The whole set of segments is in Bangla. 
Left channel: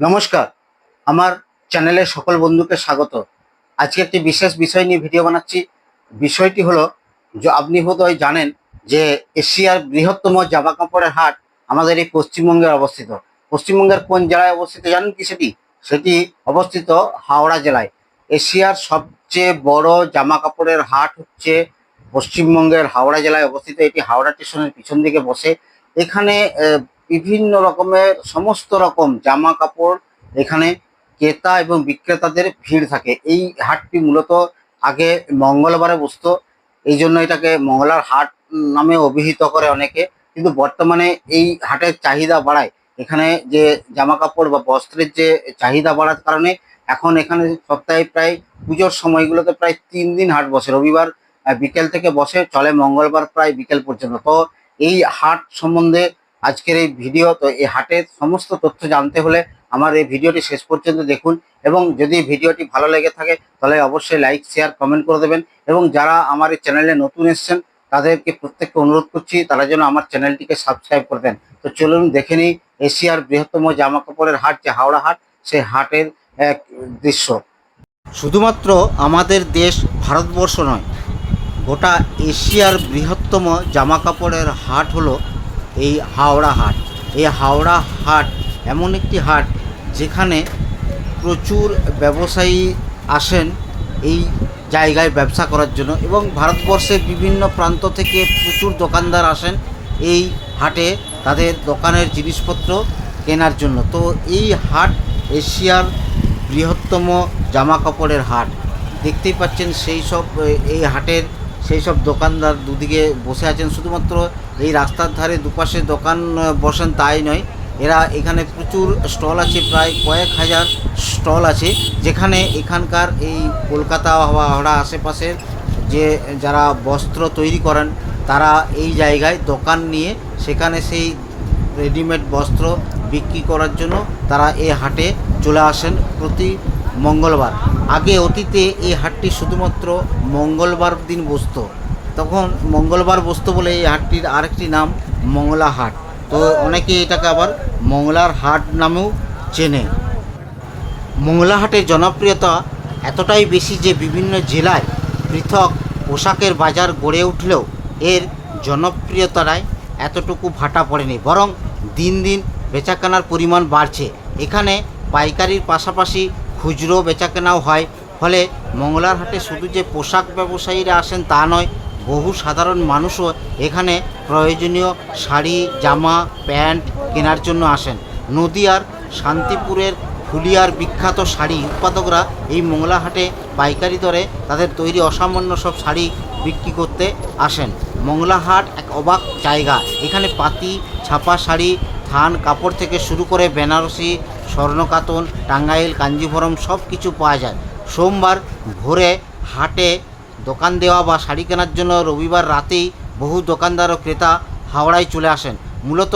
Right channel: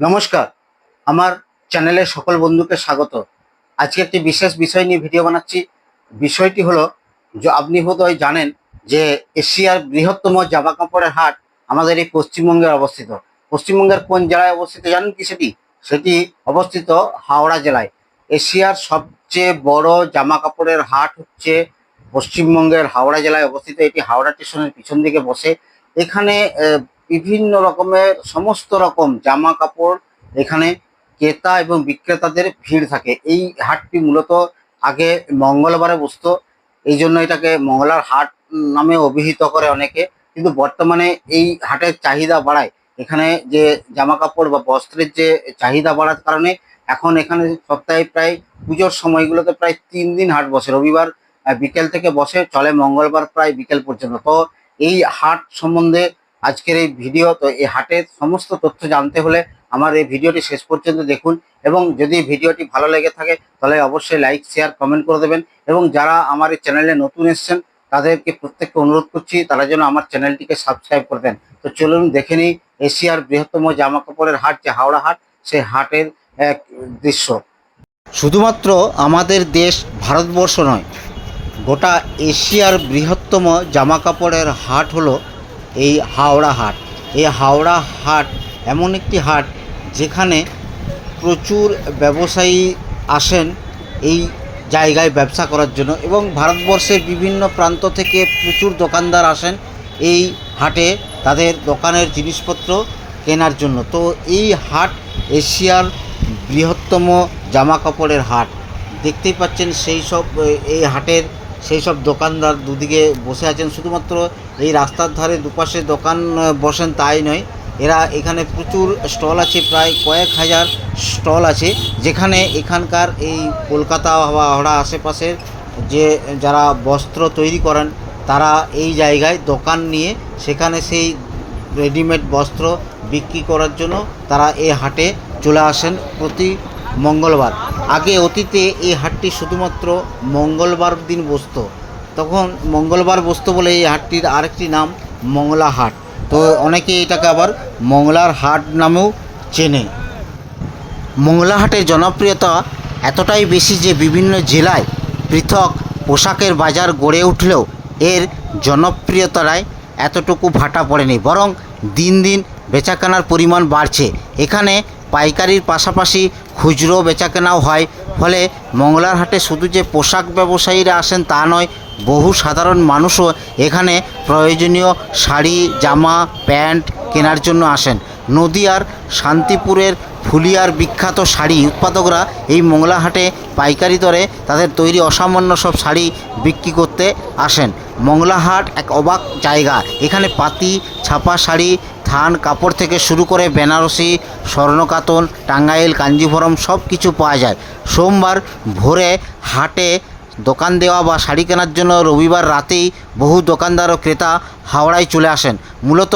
নমস্কার, আমার চ্যানেলের সকল বন্ধুকে স্বাগত। আজকে একটি বিশেষ বিষয় নিয়ে ভিডিও বানাচ্ছি। বিষয়টি হলো, যে আপনি বোধহয় জানেন যে এশিয়ার বৃহত্তম জামা কাপড়ের হাট আমাদের এই পশ্চিমবঙ্গে অবস্থিত। পশ্চিমবঙ্গের কোন জেলায় অবস্থিত জানেন কি সেটি? সেটি অবস্থিত হাওড়া জেলায়। এশিয়ার সবচেয়ে বড় জামা কাপড়ের হাট হচ্ছে পশ্চিমবঙ্গের হাওড়া জেলায় অবস্থিত। এটি হাওড়া স্টেশনের পিছন দিকে বসে। এখানে বিভিন্ন রকমের, সমস্ত রকম জামা কাপড় এখানে ক্রেতা এবং বিক্রেতাদের ভিড় থাকে। এই হাটটি মূলত আগে মঙ্গলবারে বসতো, এই জন্য এটাকে মঙ্গলার হাট নামে অভিহিত করে অনেকে। কিন্তু বর্তমানে এই হাটের চাহিদা বাড়ায়। এখানে যে জামা কাপড় বা বস্ত্রের যে চাহিদা বাড়ার কারণে এখন এখানে সপ্তাহে প্রায় পুজোর সময়গুলোতে প্রায় তিন দিন হাট বসে। রবিবার বিকেল থেকে বসে, চলে মঙ্গলবার প্রায় বিকেল পর্যন্ত। তো এই হাট সম্বন্ধে আজকের এই ভিডিও, তো এই হাটের সমস্ত তথ্য জানতে হলে আমার এই ভিডিওটি শেষ পর্যন্ত দেখুন এবং যদি ভিডিওটি ভালো লেগে থাকে, তাহলে অবশ্যই লাইক শেয়ার কমেন্ট করে দেবেন এবং যারা আমার এই চ্যানেলে নতুন এসছেন, তাদেরকে প্রত্যেককে অনুরোধ করছি, তারা যেন আমার চ্যানেলটিকে সাবস্ক্রাইব করে দেন। তো চলুন দেখে নিই এশিয়ার বৃহত্তম জামা কাপড়ের হাট, যে হাওড়া হাট, সেই হাটের এক দৃশ্য। শুধুমাত্র আমাদের দেশ, ভারতবর্ষ নয়, গোটা এশিয়ার বৃহত্তম জামা কাপড়ের হাট হলো এই হাওড়া হাট। এই হাওড়া হাট এমন একটি হাট যেখানে প্রচুর ব্যবসায়ী আসেন এই জায়গায় ব্যবসা করার জন্য এবং ভারতবর্ষের বিভিন্ন প্রান্ত থেকে প্রচুর দোকানদার আসেন এই হাটে তাদের দোকানের জিনিসপত্র কেনার জন্য। তো এই হাট এশিয়ার বৃহত্তম জামা কাপড়ের হাট। দেখতেই পাচ্ছেন সেই সব এই হাটের সেই সব দোকানদার দুদিকে বসে আছেন। শুধুমাত্র এই রাস্তার ধারে দুপাশে দোকান বসেন তাই নয়, এরা এখানে প্রচুর স্টল আছে, প্রায় কয়েক হাজার স্টল আছে, যেখানে এখানকার এই কলকাতা বা হাওড়া আশেপাশের যে যারা বস্ত্র তৈরি করেন, তারা এই জায়গায় দোকান নিয়ে সেখানে সেই রেডিমেড বস্ত্র বিক্রি করার জন্য তারা এই হাটে চলে আসেন প্রতি মঙ্গলবার। আগে অতীতে এই হাটটি শুধুমাত্র মঙ্গলবার দিন বসতো। তখন মঙ্গলবার বসতো বলে এই হাটটির আরেকটি নাম মংলা হাট। তো অনেকে এটাকে আবার মংলার হাট নামেও চেনে। মংলা হাটের জনপ্রিয়তা এতটাই বেশি যে বিভিন্ন জেলায় পৃথক পোশাকের বাজার গড়ে উঠলেও এর জনপ্রিয়তায় এতটুকু ভাটা পড়েনি। বরং দিন দিন বেচাকেনার পরিমাণ বাড়ছে। এখানে পাইকারির পাশাপাশি খুচরো বেচাকেনাও হয়। ফলে মংলার হাটে শুধু যে পোশাক ব্যবসায়ীরা আসেন তা নয়, বহু সাধারণ মানুষও এখানে প্রয়োজনীয় শাড়ি, জামা, প্যান্ট কেনার জন্য আসেন। নদিয়ার শান্তিপুরের ফুলিয়ার বিখ্যাত শাড়ি উৎপাদকরা এই মংলা হাটে পাইকারি দরে তাদের তৈরি অসামান্য সব শাড়ি বিক্রি করতে আসেন। মংলা হাট এক অবাক জায়গা। এখানে পাতি, ছাপা শাড়ি, থান, কাপড় থেকে শুরু করে বেনারসি স্বর্ণকাতন টাঙ্গাইল, কাঞ্জিভরম সব কিছু পাওয়া যায়। সোমবার ভোরে হাটে দোকান দেওয়া বা শাড়ি কেনার জন্য রবিবার রাতেই বহু দোকানদার ও ক্রেতা হাওড়ায় চলে আসেন। মূলত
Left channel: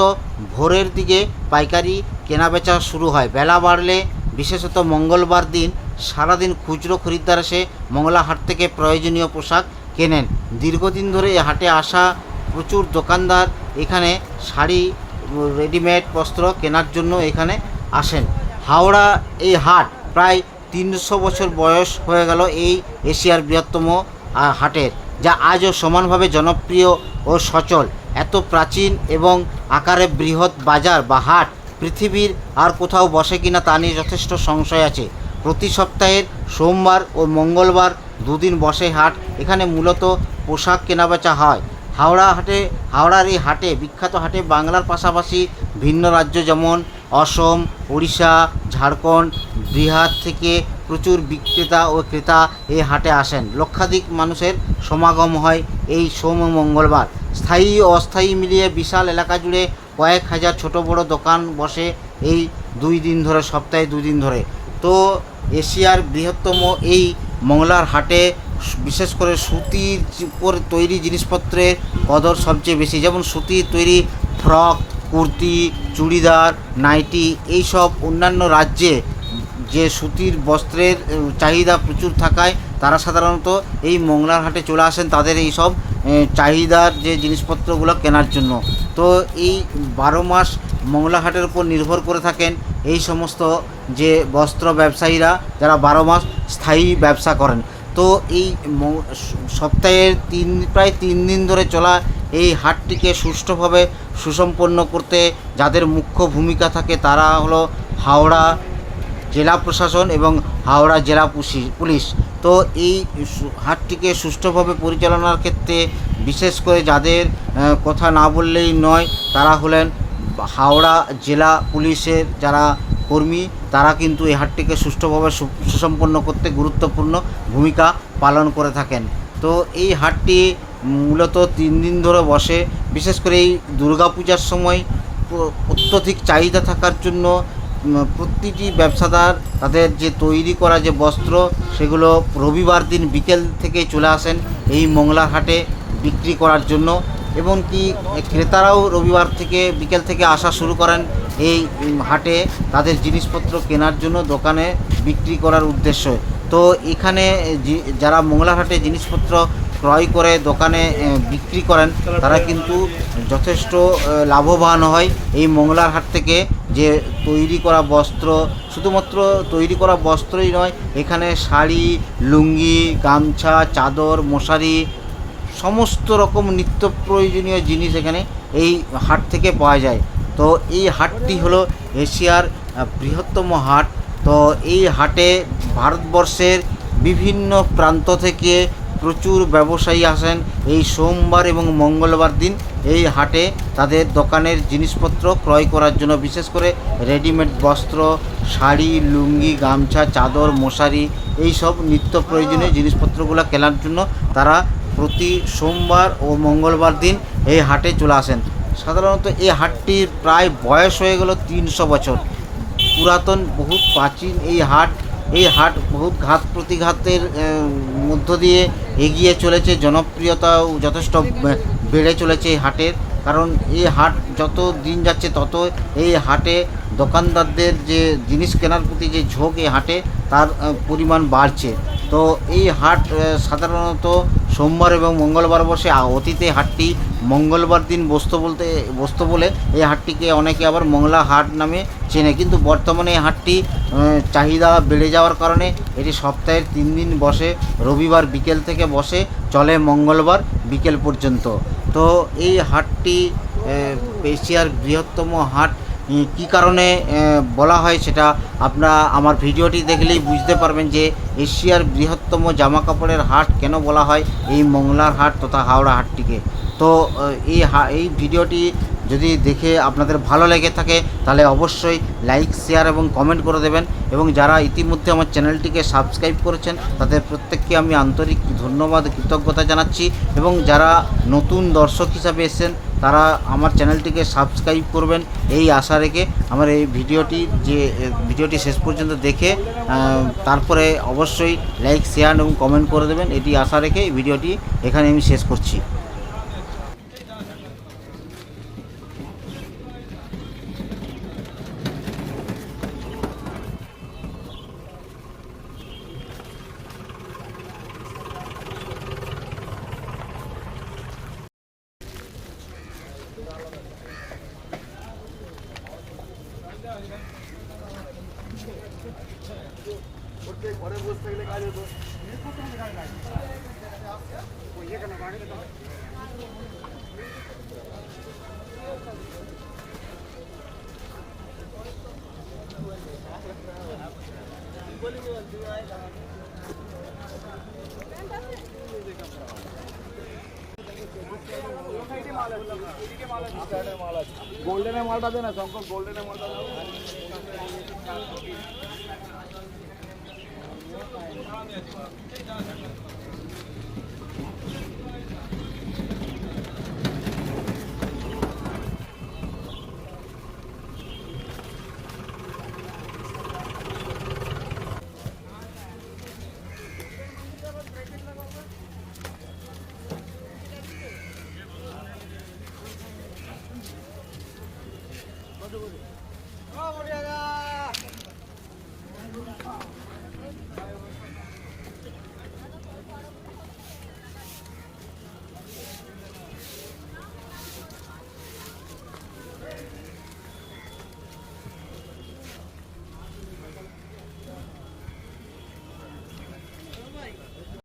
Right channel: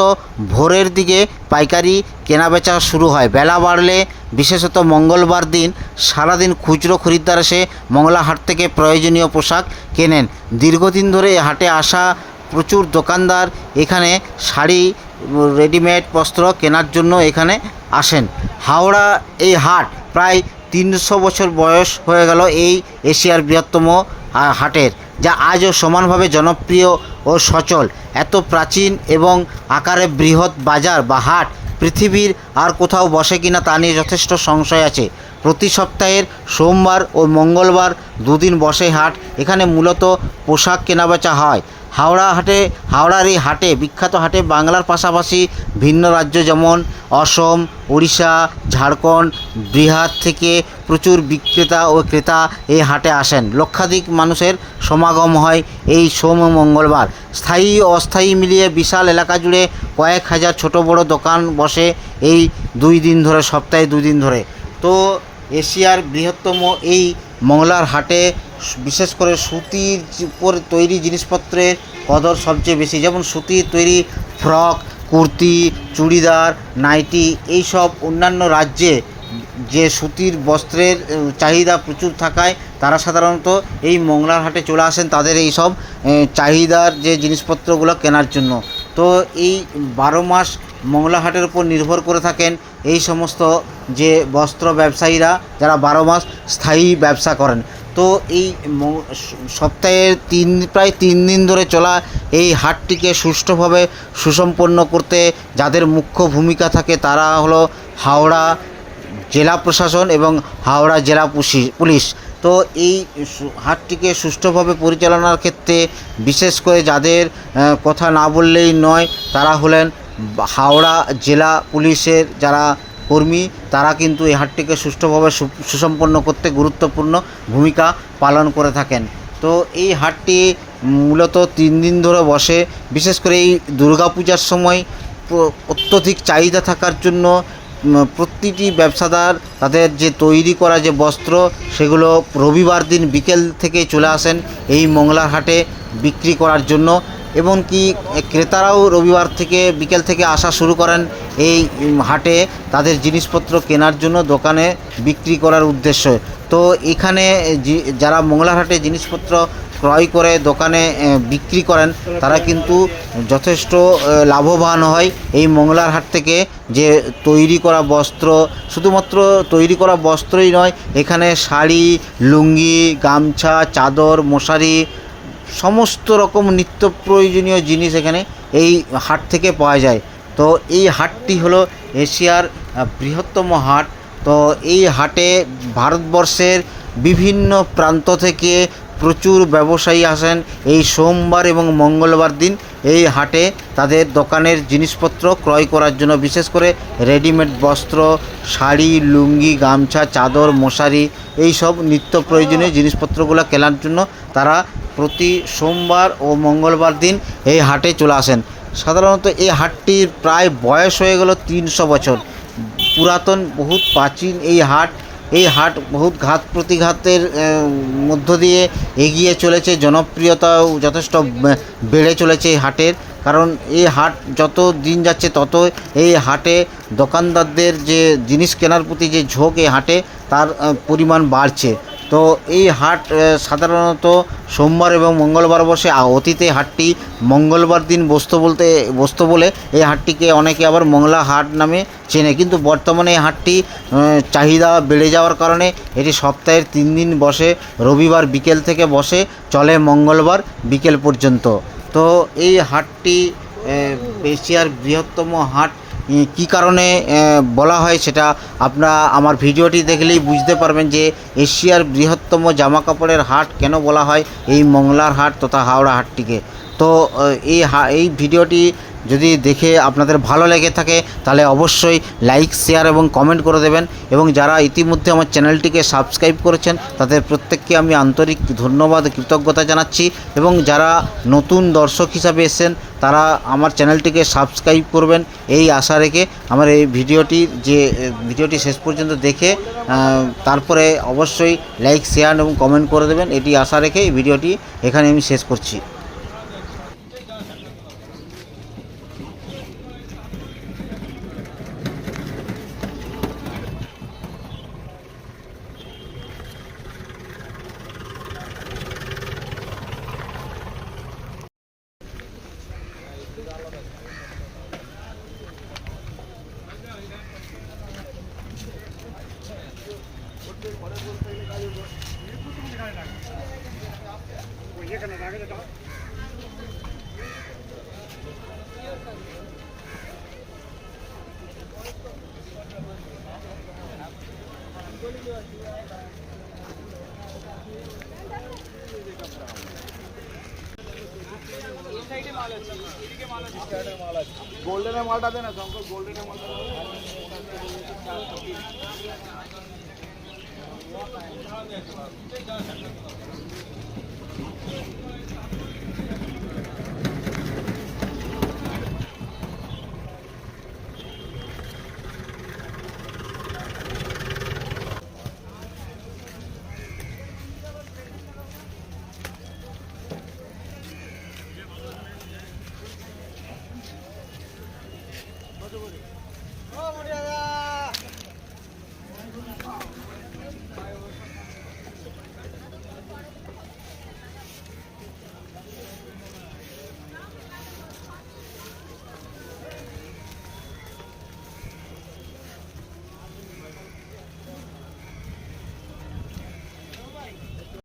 ভোরের দিকে পাইকারি কেনাবেচা শুরু হয়। বেলা বাড়লে বিশেষত মঙ্গলবার দিন সারাদিন খুচরো খরিদ্দার এসে মংলা হাট থেকে প্রয়োজনীয় পোশাক কেনেন। দীর্ঘদিন ধরে হাটে আসা প্রচুর দোকানদার এখানে শাড়ি, রেডিমেড বস্ত্র কেনার জন্য এখানে আসেন। হাওড়া এই হাট প্রায় তিনশো বছর বয়স হয়ে গেল এই এশিয়ার বৃহত্তম হাটের, যা আজও সমানভাবে জনপ্রিয় ও সচল। এত প্রাচীন এবং আকারে বৃহৎ বাজার বা হাট পৃথিবীর আর কোথাও বসে কিনা তা নিয়ে যথেষ্ট সংশয় আছে। প্রতি সপ্তাহের সোমবার ও মঙ্গলবার দুদিন বসে হাট, এখানে মূলত পোশাক কেনাবেচা হয়। হাওড়া হাটে, হাওড়ার এই হাটে, বিখ্যাত হাটে বাংলার পাশাপাশি ভিন্ন রাজ্য যেমন অসম, উড়িষ্যা, ঝাড়খণ্ড, বিহার থেকে প্রচুর বিক্রেতা ও ক্রেতা এই হাটে আসেন। লক্ষাধিক মানুষের সমাগম হয় এই সোম মঙ্গলবার। স্থায়ী ও অস্থায়ী মিলিয়ে বিশাল এলাকা জুড়ে কয়েক হাজার ছোট বড় দোকান বসে এই দুই দিন ধরে, সপ্তাহে দুই দিন ধরে। তো এশিয়ার বৃহত্তম এই মংলার হাটে বিশেষ করে সুতির উপর তৈরি জিনিসপত্রের কদর সবচেয়ে বেশি। যেমন সুতির তৈরি ফ্রক, কুর্তি, চুড়িদার, নাইটি এইসব অন্যান্য রাজ্যে যে সুতির বস্ত্রের চাহিদা প্রচুর থাকায় তারা সাধারণত এই মংলার হাটে চলে আসেন। তাদের এই সব চাহিদার যে জিনিসপত্রগুলো কেনার জন্য। তো এই বারো মাস মংলা হাটের উপর নির্ভর করে থাকেন এই সমস্ত যে বস্ত্র ব্যবসায়ীরা যারা বারো মাস স্থায়ী ব্যবসা করেন। তো এই সপ্তাহের তিন, প্রায় তিন দিন ধরে চলা এই হাটটিকে সুষ্ঠুভাবে সুসম্পন্ন করতে যাদের মুখ্য ভূমিকা থাকে তারা হলো হাওড়া জেলা প্রশাসন এবং হাওড়া জেলা পুলিশ। তো এই হাটটিকে সুষ্ঠুভাবে পরিচালনার ক্ষেত্রে বিশেষ করে যাদের কথা না বললেই নয়, তারা হলেন হাওড়া জেলা পুলিশের যারা কর্মী, তারা কিন্তু এই হাটটিকে সুষ্ঠুভাবে সুসম্পন্ন করতে গুরুত্বপূর্ণ ভূমিকা পালন করে থাকেন। তো এই হাটটি মূলত তিন দিন ধরে বসে। বিশেষ করে এই দুর্গাপূজার সময় অত্যধিক চাহিদা থাকার জন্য প্রতিটি ব্যবসাদার তাদের যে তৈরি করা যে বস্ত্র, সেগুলো রবিবার দিন বিকেল থেকে চলে আসেন এই মংলার হাটে বিক্রি করার জন্য। এমনকি ক্রেতারাও রবিবার থেকে বিকেল থেকে আসা শুরু করেন এই হাটে তাদের জিনিসপত্র কেনার জন্য দোকানে বিক্রি করার উদ্দেশ্য। তো এখানে যারা মংলার হাটে জিনিসপত্র ক্রয় করে দোকানে বিক্রি করেন, তারা কিন্তু যথেষ্ট লাভবান হয়। এই মঙ্গলার হাট থেকে যে তৈরি করা বস্ত্র, শুধুমাত্র তৈরি করা বস্ত্রই নয়, এখানে শাড়ি, লুঙ্গি, গামছা, চাদর, মশারি সমস্ত রকম নিত্য প্রয়োজনীয় জিনিস এখানে এই হাট থেকে পাওয়া যায়। তো এই হাটটি হলো এশিয়ার বৃহত্তম হাট। তো এই হাটে ভারতবর্ষের বিভিন্ন প্রান্ত থেকে প্রচুর ব্যবসায়ী আসেন। এই সোমবার এবং মঙ্গলবার দিন এই হাটে তাদের দোকানের জিনিসপত্র ক্রয় করার জন্য, বিশেষ করে রেডিমেড বস্ত্র, শাড়ি, লুঙ্গি, গামছা, চাদর, মশারি এই সব নিত্য প্রয়োজনীয় জিনিসপত্রগুলো কেনার জন্য তারা প্রতি সোমবার ও মঙ্গলবার দিন এই হাটে চলে আসেন। সাধারণত এই হাটটির প্রায় বয়স হয়ে গেল তিনশো বছর। পুরাতন, বহুত প্রাচীন এই হাট। এই হাট বহুত ঘাত প্রতিঘাতের মধ্য দিয়ে এগিয়ে চলেছে। জনপ্রিয়তাও যথেষ্ট বেড়ে চলেছে এই হাটের। কারণ এই হাট যত দিন যাচ্ছে তত এই হাটে দোকানদারদের যে জিনিস কেনার প্রতি যে ঝোঁক এই হাটে তার পরিমাণ বাড়ছে। তো এই হাট সাধারণত সোমবার এবং মঙ্গলবার বসে অতীতে হাটটি মঙ্গলবার দিন বসতো বলতে, বসতো বলে এই হাটটিকে অনেকে আবার মংলা হাট নামে চেনে। কিন্তু বর্তমানে এই হাটটি চাহিদা বেড়ে যাওয়ার কারণে এটি সপ্তাহের তিন দিন বসে, রবিবার বিকেল থেকে বসে, চলে মঙ্গলবার বিকেল পর্যন্ত। তো এই হাটটি এশিয়ার বৃহত্তম হাট কি কারণে বলা হয় সেটা আপনারা আমার ভিডিওটি দেখলেই বুঝতে পারবেন যে এশিয়ার বৃহত্তম জামা কাপড়ের হাট কেন বলা হয় এই মংলার হাট তথা হাওড়া হাটটিকে। তো এই এই ভিডিওটি যদি দেখে আপনাদের ভালো লেগে থাকে, তাহলে অবশ্যই লাইক শেয়ার এবং কমেন্ট করে দেবেন। এবং যারা ইতিমধ্যে আমার চ্যানেলটিকে সাবস্ক্রাইব করেছেন, তাদের প্রত্যেককে আমি আন্তরিক ধন্যবাদ, কৃতজ্ঞতা জানাচ্ছি। এবং যারা নতুন দর্শক হিসাবে এসেছেন, তারা আমার চ্যানেলটিকে সাবস্ক্রাইব করবেন। এই আশা রেখে আমার এই ভিডিওটি যে, ভিডিওটি শেষ পর্যন্ত দেখে তারপরে অবশ্যই লাইক শেয়ার এবং কমেন্ট করে দেবেন। এটি আশা রেখে এই ভিডিওটি এখানে আমি শেষ করছি। गोल्डन है माल्टा देना सबको तो गोल्डन है माल्टा